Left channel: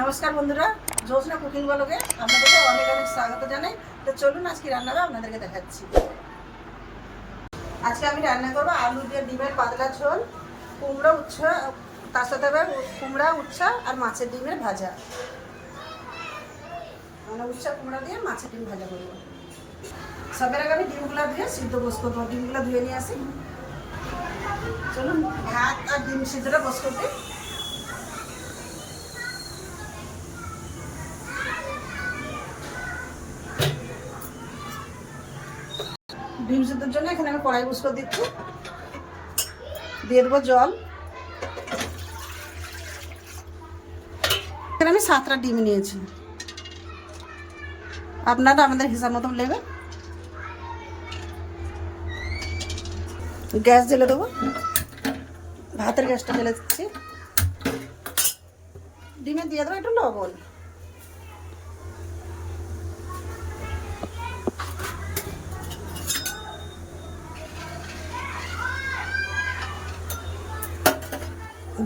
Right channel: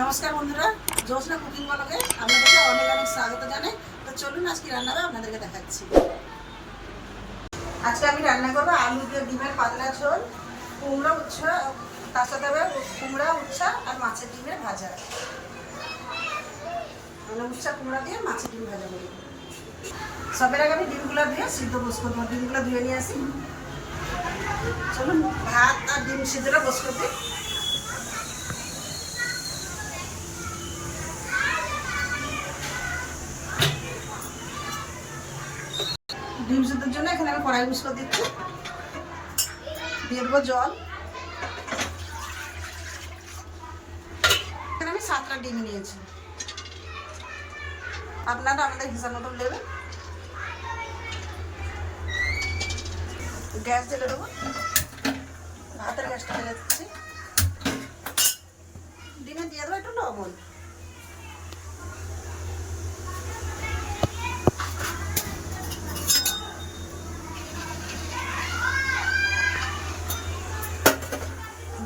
নমস্কার বন্ধুরা জ্যোৎস্না কুকিং ব্লগে আপনাদেরকে অনেক অনেক স্বাগত জানাই। তো চলুন আজকে রান্নাটা আপনাদেরকে দেখাচ্ছি। আজকে আমি রান্না করব আলু দিয়ে ডিমের পাতলা ঝোল, কুমড়া উচ্ছা, তার সাথে আবার কুমড়া উচ্ছা আর মাছের ডিমের ভাজা। মানে উচ্ছা, কুমড়া দিয়ে মাছের ডিম ভাজা করব। সবের আগে আমি ডিমগুলো দিয়ে সিদ্ধ বস করব ডিমগুলো ধুয়ে নিয়ে আসি। চলুন, ভাত আর ডিম সিদ্ধটা বস করতে কড়াই বুস দিচ্ছি। দিয়ে দেবো জল। এখানে আমি সাতটা ডিম নিয়েছি। আপনারা আমাদের হিসাব মতন নেবেন। গ্যাস জ্বেলে দেবো। ভাতের গ্যাসটা ফেলে দিচ্ছি। ডিমে দিয়ে দেবো একটু লবণ।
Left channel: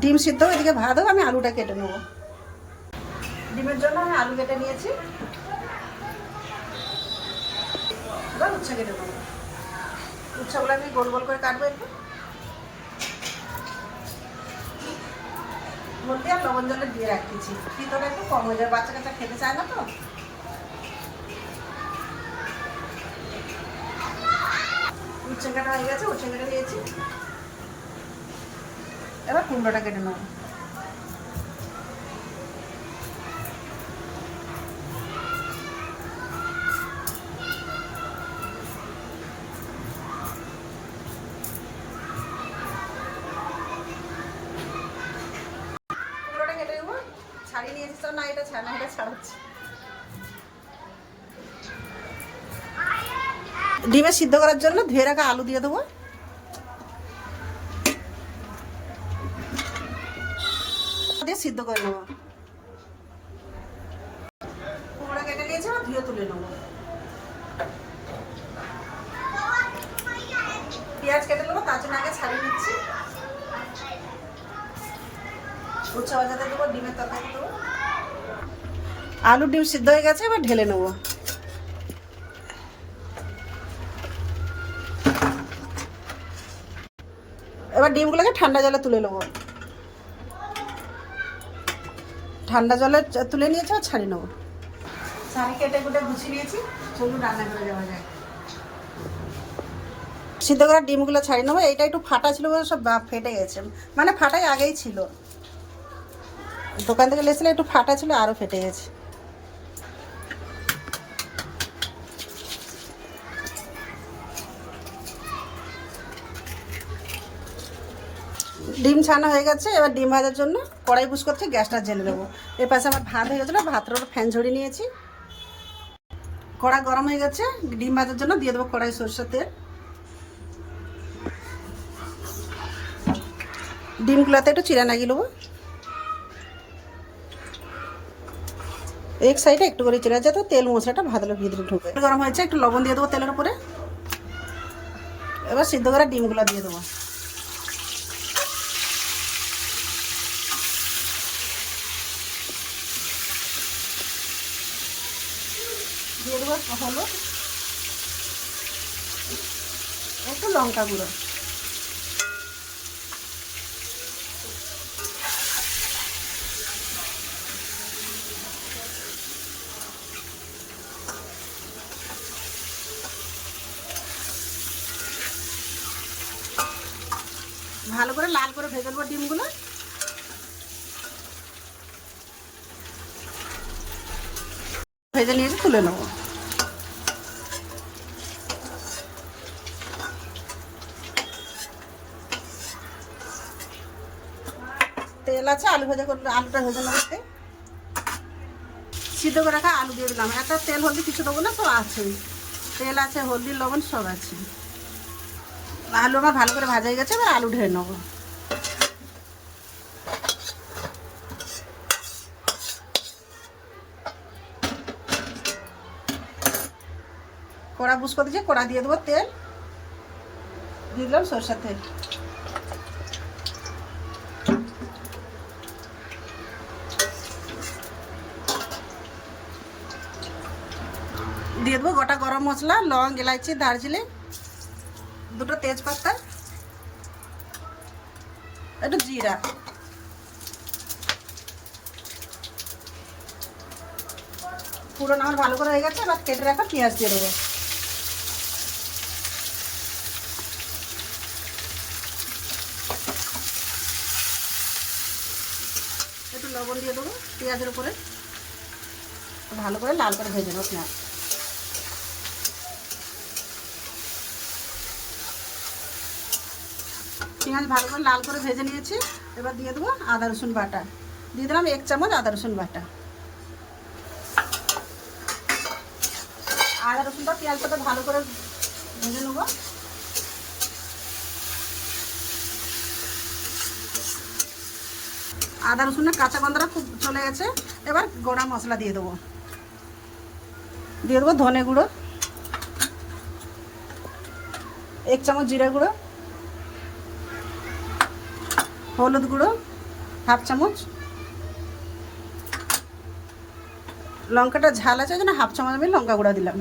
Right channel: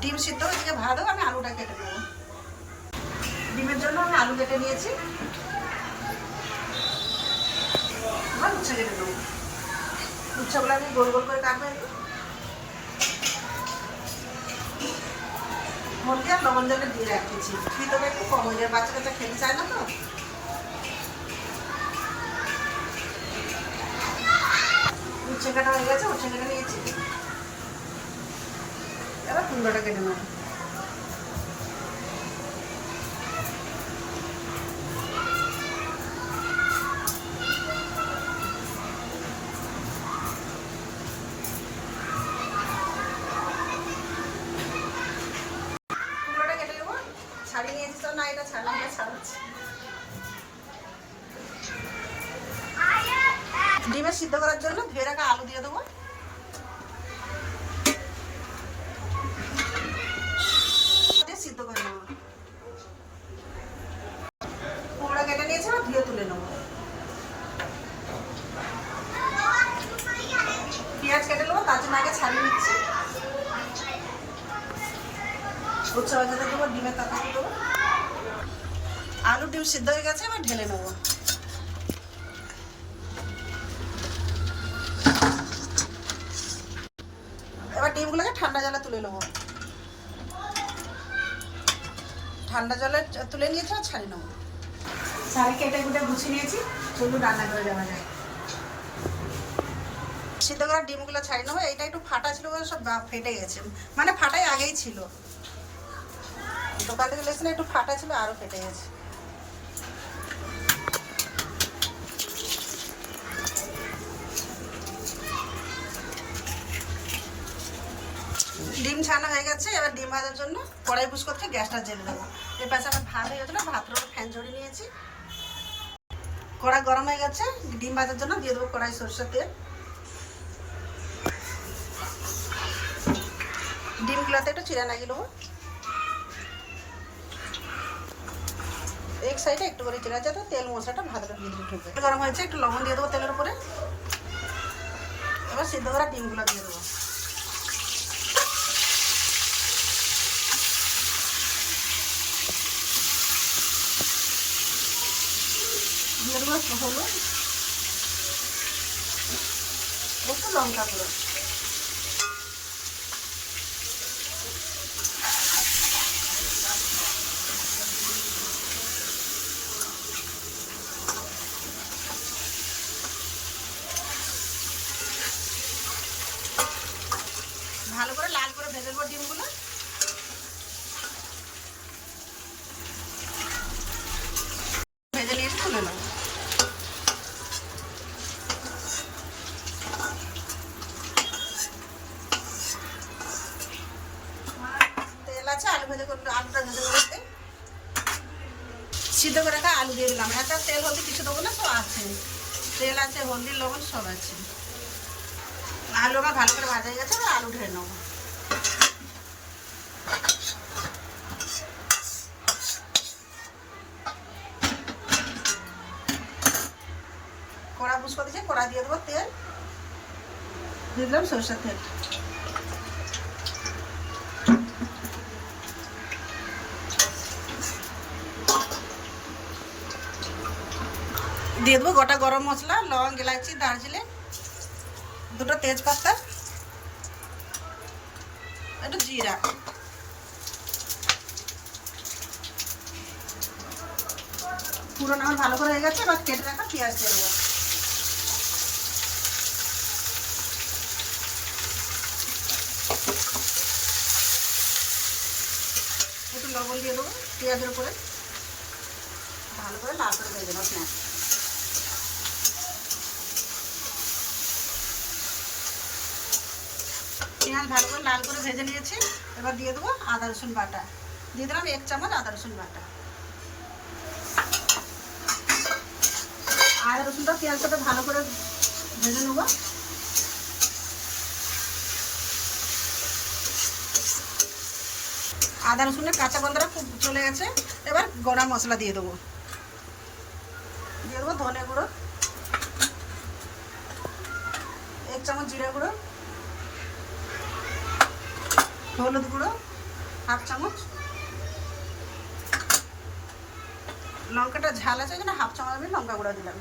ডিম সিদ্ধ, এদিকে ভাত হোক, আমি আলুটা কেটে নেব। ডিমের জন্য আমি আলু কেটে নিয়েছি। এবার উচ্ছে কেটে নেব। উচ্ছেগুলো আমি গোল গোল করে কাটবো একটু। হলদি আর লবণ জলে দিয়ে রাখতেছি ভিতরে একটু কম হয়ে যায়, বাচ্চা কাচ্চা খেতে চায় না তো। উচ্ছে কাটা হয়ে গেছে, উচ্ছে কেটে নিয়েছি। কুমড়োটা কেটে নেব। ছাড়িয়ে নিয়ে এসছো না, এটা ছাড়া এটা ডিমে সিদ্ধ করার জন্য ধুয়ে রাখা আলু দিয়ে দেবো। সিদ্ধ করে নেব। কুমড়া কেটে নিয়েছি ধুয়ে তুলে নেব। পেঁয়াজ কেটে নেব, তার জন্য আগে ছাড়িয়ে নিচ্ছি। উচ্চ বাজাতে দেবো, ডিমের তরকারি দেবো। আলু ডিম সিদ্ধ হয়ে গেছে, এবার ঢেলে নেব। এবার ডিমগুলোকে ঠান্ডা জলে তুলে নেব। ঠান্ডা জলে তুলে নিয়েছি আর ছাড়িয়ে নেব। শাড়ি কেটে কুটে গুছিয়ে নিয়েছি চলুন রান্না করে যাওয়া যায় সিদ্ধ করা ডিমগুলো ছাড়ি নেব। এইটা একটু ফাটা ছিল বলে সব ফেটে গেছে। মানে ফাটাই আগেই ছিল। দোকান থেকে লেসলে একটু ফাটা ছিল আরও ফেটে গেছে। ডিম ছানা হয়ে গেছে, এবার ডিম ভাজার জন্য কড়াই বুস করতে গ্যাসটা জেলে দেবো এর পাশে আমার ভাত হয়ে গেছিল ভাতের ওপর ফ্যান ঝরিয়ে নিয়েছি। কড়া গরম হয়ে গেছে, ডিম ভাজার জন্য দিয়ে দেবো কড়াই সরষের তেল। ডিমগুলোতে একটু চিরা লাগিয়ে নেব। এক সাইডে একটু করে চিরা যাতে তেল মশলাটা ভাতের ভিতরে ঢুকে। গরম হয়েছে, একটু লবণ দিয়ে দেবো তেলের উপরে। এবার সিদ্ধ করা ডিমগুলো দিয়ে দেবো। দিয়ে দেবো হলুদ একটু লঙ্কা গুঁড়ো। ভালো করে লাল করে ভেজে নেব ডিমগুলো। ভেজে নিয়ে তুলে নেব। তেল আছে, আলু ভেজে করে আলুটা ভেজে নেব সিদ্ধ করে রাখা আলু দিয়ে দিলাম। একটা তেল হলদি কিছু দেবো না, সব আছে। তেল আছে, হলদি, লবণ, সব আছে। আলু আমার ভালো করে ভাজা হয়ে গেছে, এবার আলু ঢেলে নেব। তারবুজ করে দিয়ে কড়া দিয়ে দেবো তেল। দিয়ে দিলাম সরষের তেল। দিয়ে দেবো গোটা গরম মশলা, লং, এলাইচি দার্জিলিং দুটো তেজপাতা, একটু জিরা। পুরো আমার ভালো করে হয়ে গেছে, এবার কেটে রাখা পেঁয়াজ দিয়ে দেবো। লবণ দিয়ে দেবো, পেঁয়াজের উপরে। ভালো করে লাল করে ভেজে নেব পেঁয়াজ। পেঁয়াজ ভালো করে লাল করে ভেজে নিয়েছি। এবার দিয়ে দেবো আদা, রসুন বাটা। দিয়ে দিলাম এক চামচ আদা, রসুন বাটা। আদা, রসুনটা পেঁয়াজটা ভালো করে ভেজে নেব। আদা রসুনের কাঁচা গন্ধটা খুব চলে গেছে। এবার গরম মশলা দিয়ে দেবো। দিয়ে দেবো ধনে গুঁড়ো, এক চামচ জিরা গুঁড়ো, হলুদ গুঁড়ো, হাফ চামচ। লঙ্কাটা ঝাল আছে জন্য হাফ চামচ আমি লঙ্কা গুঁড়া দিলাম।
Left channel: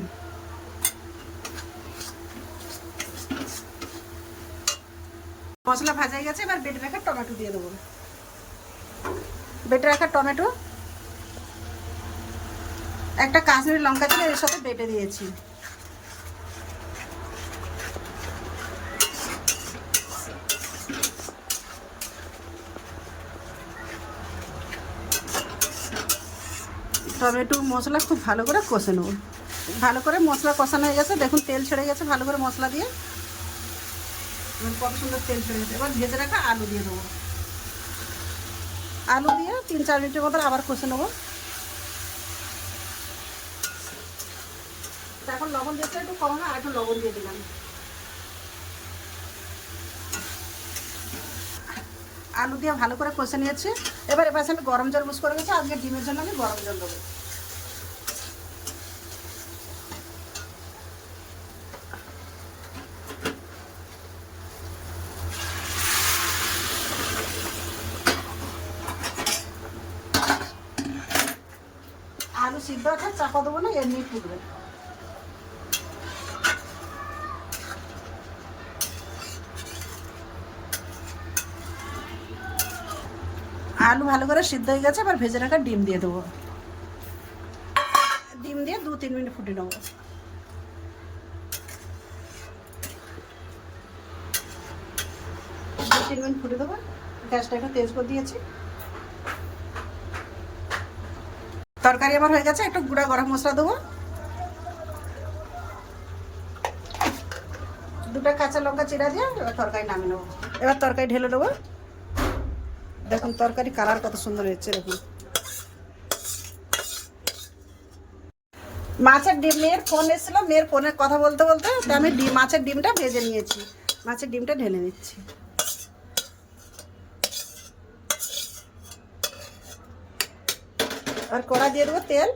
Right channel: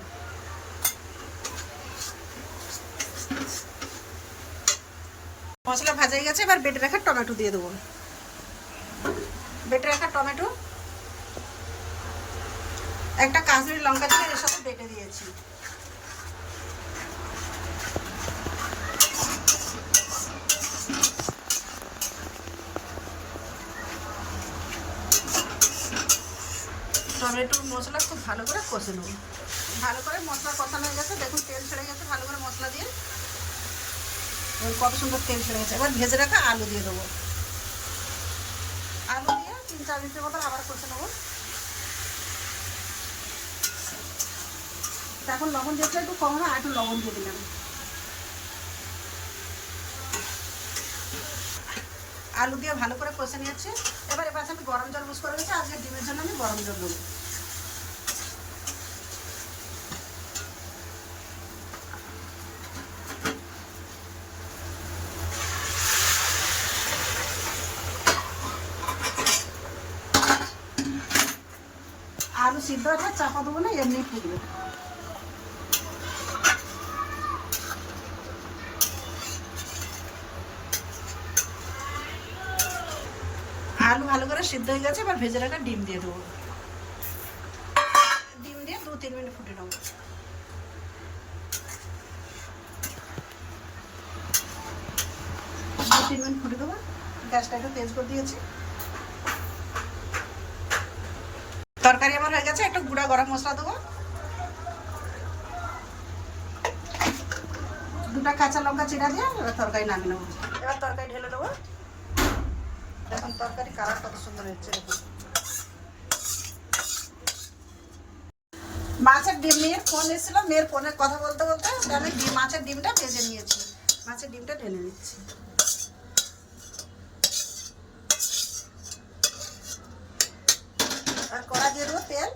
মশলা ভাজা হয়ে গেছে, এবার বেটে রাখা টমেটো দিয়ে দেবো। বেটে রাখা টমেটো, একটা কাশ্মীরি লঙ্কা দিয়ে এর সাথে বেটে দিয়েছি। টমেটো মশলা খুব ভালো করে কষে নেব ভালো করে মশলা কষানো হয়ে গেছে, দেখুন তেল ছেড়ে গেছে, ভালো করে মশলা দিয়ে। এবার কত সুন্দর তেল ছেড়ে গেছে। এবার ভেজে রাখা আলু দিয়ে দেবো। আলু দিয়ে তিন, চার মিনিটের মতো আবার কষে নেব। এখন লবণ দিয়েছে, একটু কম হয় একটু লবণ দিয়ে দিলাম। আলু দিয়ে ভালো করে কষে নিয়েছি। এবার এবার আমি গরম জল মুস করে নিয়েছি, আজকে ডিমের জন্য আমি গরম জল দেবো আলু সিদ্ধ আছে চাপা দেবো না, এমনি ফুটবে। আলু ভালো করে সিদ্ধ হয়ে গেছে, এবার ভেজে রাখা ডিম দিয়ে দেবো। ডিম দিয়ে দু তিন মিনিট ফুটে নেব। দু তিন মিনিট ফুটে দেবো। গ্যাসটা একটা তেজ করে দিয়েছি। তরকারি আমার হয়ে গেছে, একটা গুঁড়া গরম মশলা দেবো। দুটা কাঁচা লঙ্কা চিরা দিয়ে এবার তরকারি নামিয়ে নেব। এবার তরকারি ঢেলে দেবো। দেখুন তরকারি কালার কত সুন্দর হচ্ছে, দেখুন। মাছের ডিম, মেয়ের ফোন এসেছিল, মেয়ের ফোনে কথা বলতে বলতে আমি মাছের ডিমটা ভেজে নিয়েছি। মাছের ডিমটা ঢেলে নিচ্ছি। আর কড়া দিয়ে দেবো তেল।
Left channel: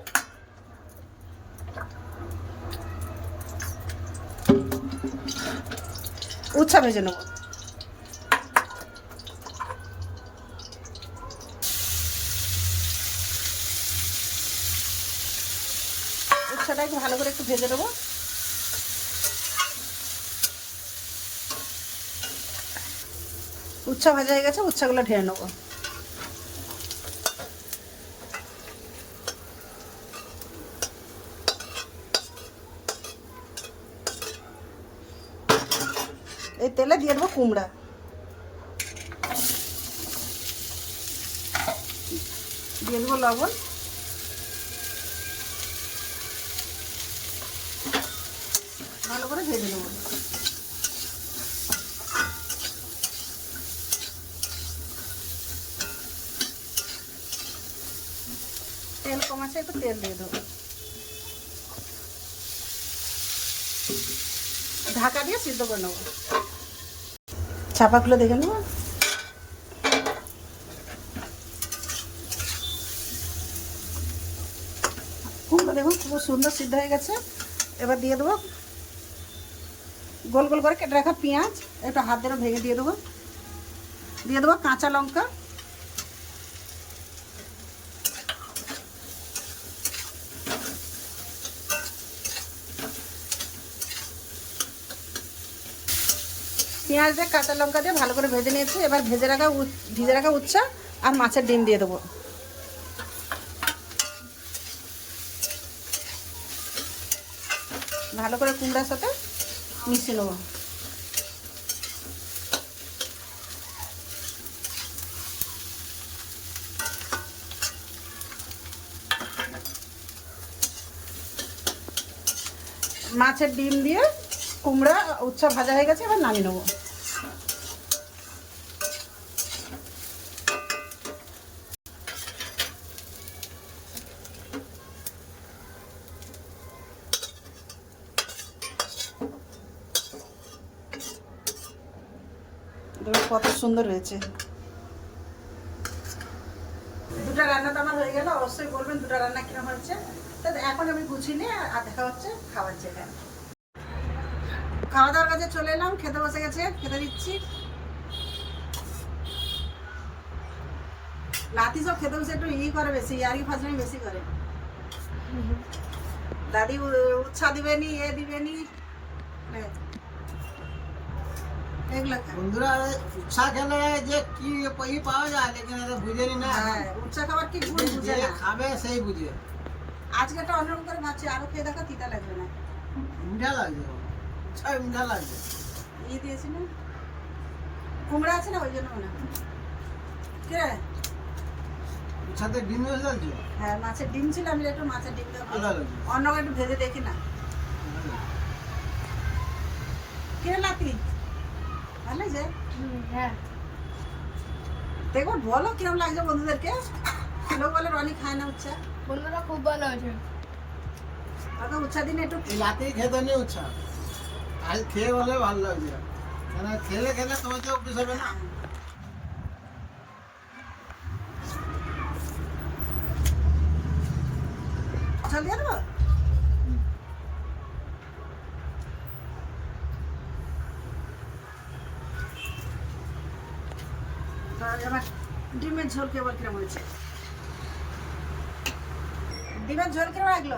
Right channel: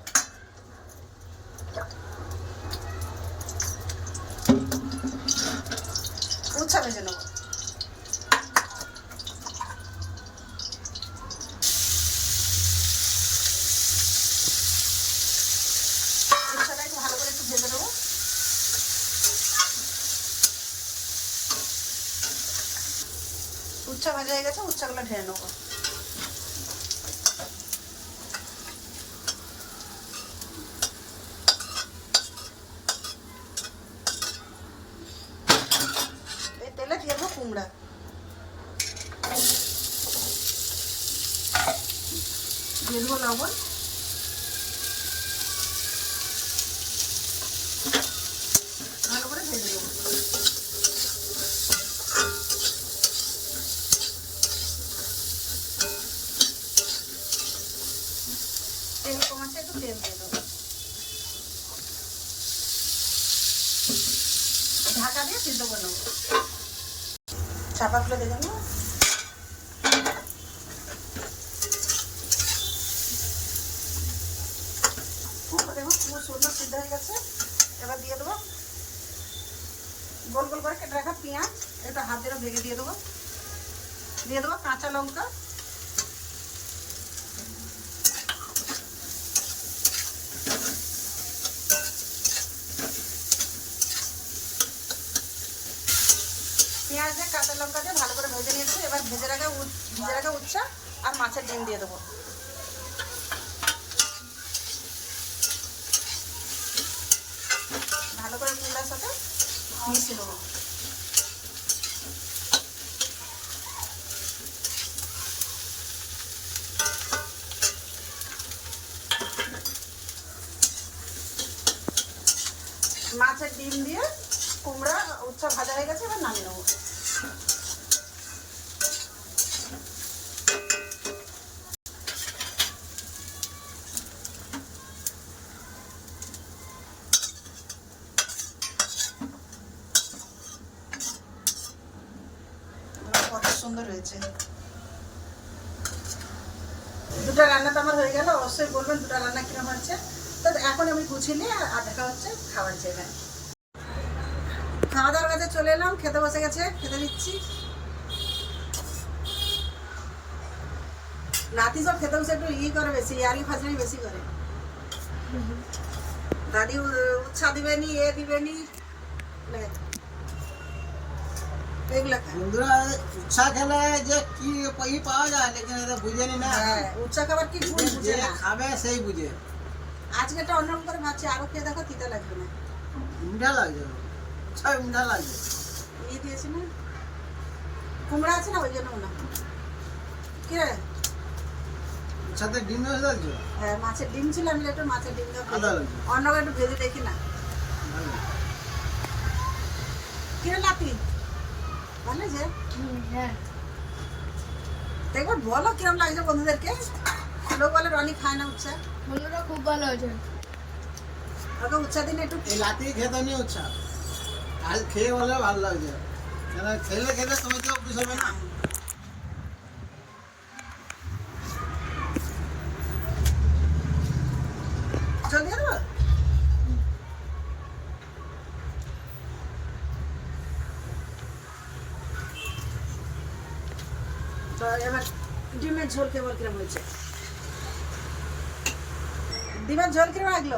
উচ্ছা ভেজে নেব উচ্ছাটা একটু ভালো করে একটু ভেজে নেব। উচ্ছা ভেজে হয়ে গেছে উচ্ছাগুলো ঢেলে নেব। তেলে দিয়ে দেবো কুমড়া। দিয়ে দেবো লবণ। ভালো করে ভেজে নেব। তেল কমাচ্ছে একটু তেল দিয়ে দেবো। ঢাকা দিয়ে সিদ্ধ করে নেব। চাপা খুলে দেখে নেব দেখুন খুব সুন্দর সিদ্ধ হয়ে গেছে। এবার দিয়ে দেবো গোল গোল করে কেটে রাখা পেঁয়াজ একটা হাত ধরে ভেঙে দিয়ে দেবো। দিয়ে দেবো কাঁচা লঙ্কা। পেঁয়াজ দিয়ে কাঁচা লঙ্কা দিয়ে ভালো করে ভেজে নিয়েছি। এবার ভেজে রাখা ভিজে রাখা উচ্ছা আর মাছের ডিম দিয়ে দেবো। ভালো করে কুমড়ার সাথে মিশিয়ে নেব। মাছের ডিম দিয়ে কুমড়া, উচ্ছা ভাজা হয়ে গেছে, এবার নামিয়ে নেব। কত সুন্দর হয়েছে। দুটো রান্না তো আমার হয়ে গেল, অবশ্যই বলবেন দুটো রান্না কীরকম হয়েছে। তো এখন আমি গুছিয়ে নিয়ে আর দেখা হচ্ছে খাবার জায়গায়। খাওয়া দাওয়ার কাছে চলে এলাম খেতে বসে গেছে খেতে দিচ্ছি। নাতি সব খেতে বসে একটু ই করে বেশি ইয়ারি ফাজলামি বেশি করে। দাদি উ- উচ্ছা দিবেনি এ দিবেনি নে। বন্ধুরা ইচ্ছা খেলে যে কি ই পাওয়া যায় লেকিন এটা বুঝেনি না। হ্যাঁ খাবার কি বুঝে না। খাবে সেই বুঝে। অন্যরকম করে ভাবছি আরও খেয়ে দেখো তিতা লাগবে না। মিঠা লাগছে সব মিঠা লাগছে ই দিয়েছি না কুমড়া আছে না ওই জন্য না কে সাথে ডিম বেশি লাগছে হ্যাঁ মাছের ডিম ছিল আমি একটু মাছের ডিম দাও ভালো লাগছে অন্য একটু ভেজে দেখি না কিরে নাতি ভালো লাগছে হ্যাঁ দেখব বলো কিরম লাগছে বন্ধুদেরকে লোক বলে রনি খায় না উচ্চা বন্ধুরা খুব ভালো হয়েছে ওকে উচ্চা দিনে একটু এই রাতে খেতে নেই উচ্ছা আজ খেয়ে বলে ভালো লাগছে। কেন খেলে খেলে তোমার তো অফিস হবে না। তো এবার ডিমের ঝোল কেমন কিরম হয়েছে? ডিমের ঝোল কিরম লাগল?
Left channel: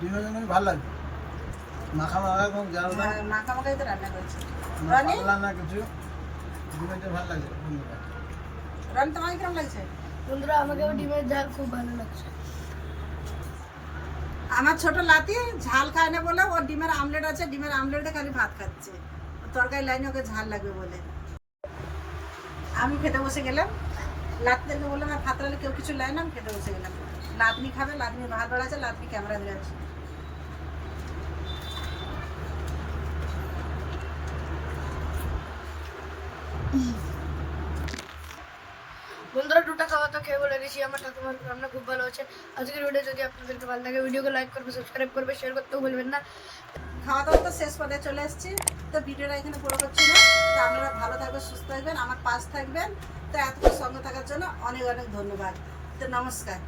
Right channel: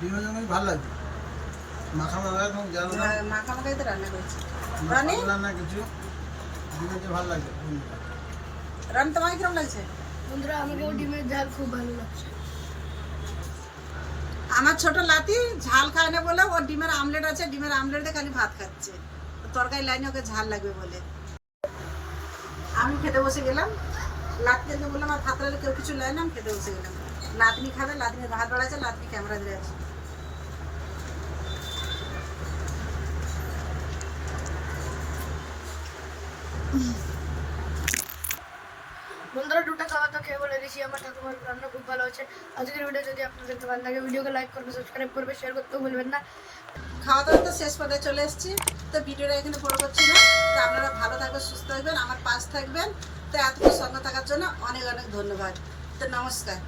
ডিমের জন্য ভালো লাগছে। মাখা মাখা কোনো হ্যাঁ, মাখা মাখাই তো রান্না করেছে। রানি? পাতলা না কিছু। ডিমেরটা ভালো বন্ধুরা। রানি তোমার কিরম লাগছে? বন্ধুরা আমাকেও ডিমের ঝাল খুব ভালো লাগছে। আমার ছোট লাতি ঝাল খায় না বলে ওর ডিমের আমলেট আছে ডিমের আমলেট খালি ভাত খাচ্ছে। ও তরকারি লাইনে ওকে ঝাল লাগবে বলে। আমি খেতে বসে গেলাম। লাতনিকে বললাম আর ভাত কেউ কিছু লাই না? আমি খেতে বসে গেলাম। লাতনি খাবে লাতনি ভাত বাড়াচ্ছে লাতনি ক্যামেরা দিয়ে আছে। বন্ধুরা দুটা খাওয়া তো খেয়ে বলে গেছি আমার ঠাকুমার রান্না খুব ভালো হচ্ছে আজকের ভিডিও যদি আপনাদেরকে ভালো লাগে, ভিডিওকে লাইক করবে সাবস্ক্রাইব করবে শেয়ার করতেও ভুলবেন না। খাওয়া দাওয়া তো শেষ পথে চলে এসেছি। তো ভিডিওটা এখানে পুরো করছি না। তো আপনারা ভালো থাকবেন, সুস্থ থাকবেন, আমার পাশ থাকবেন। তো এতক্ষণ সঙ্গে থাকার জন্য অনেক অনেক ধন্যবাদ। তো নমস্কার।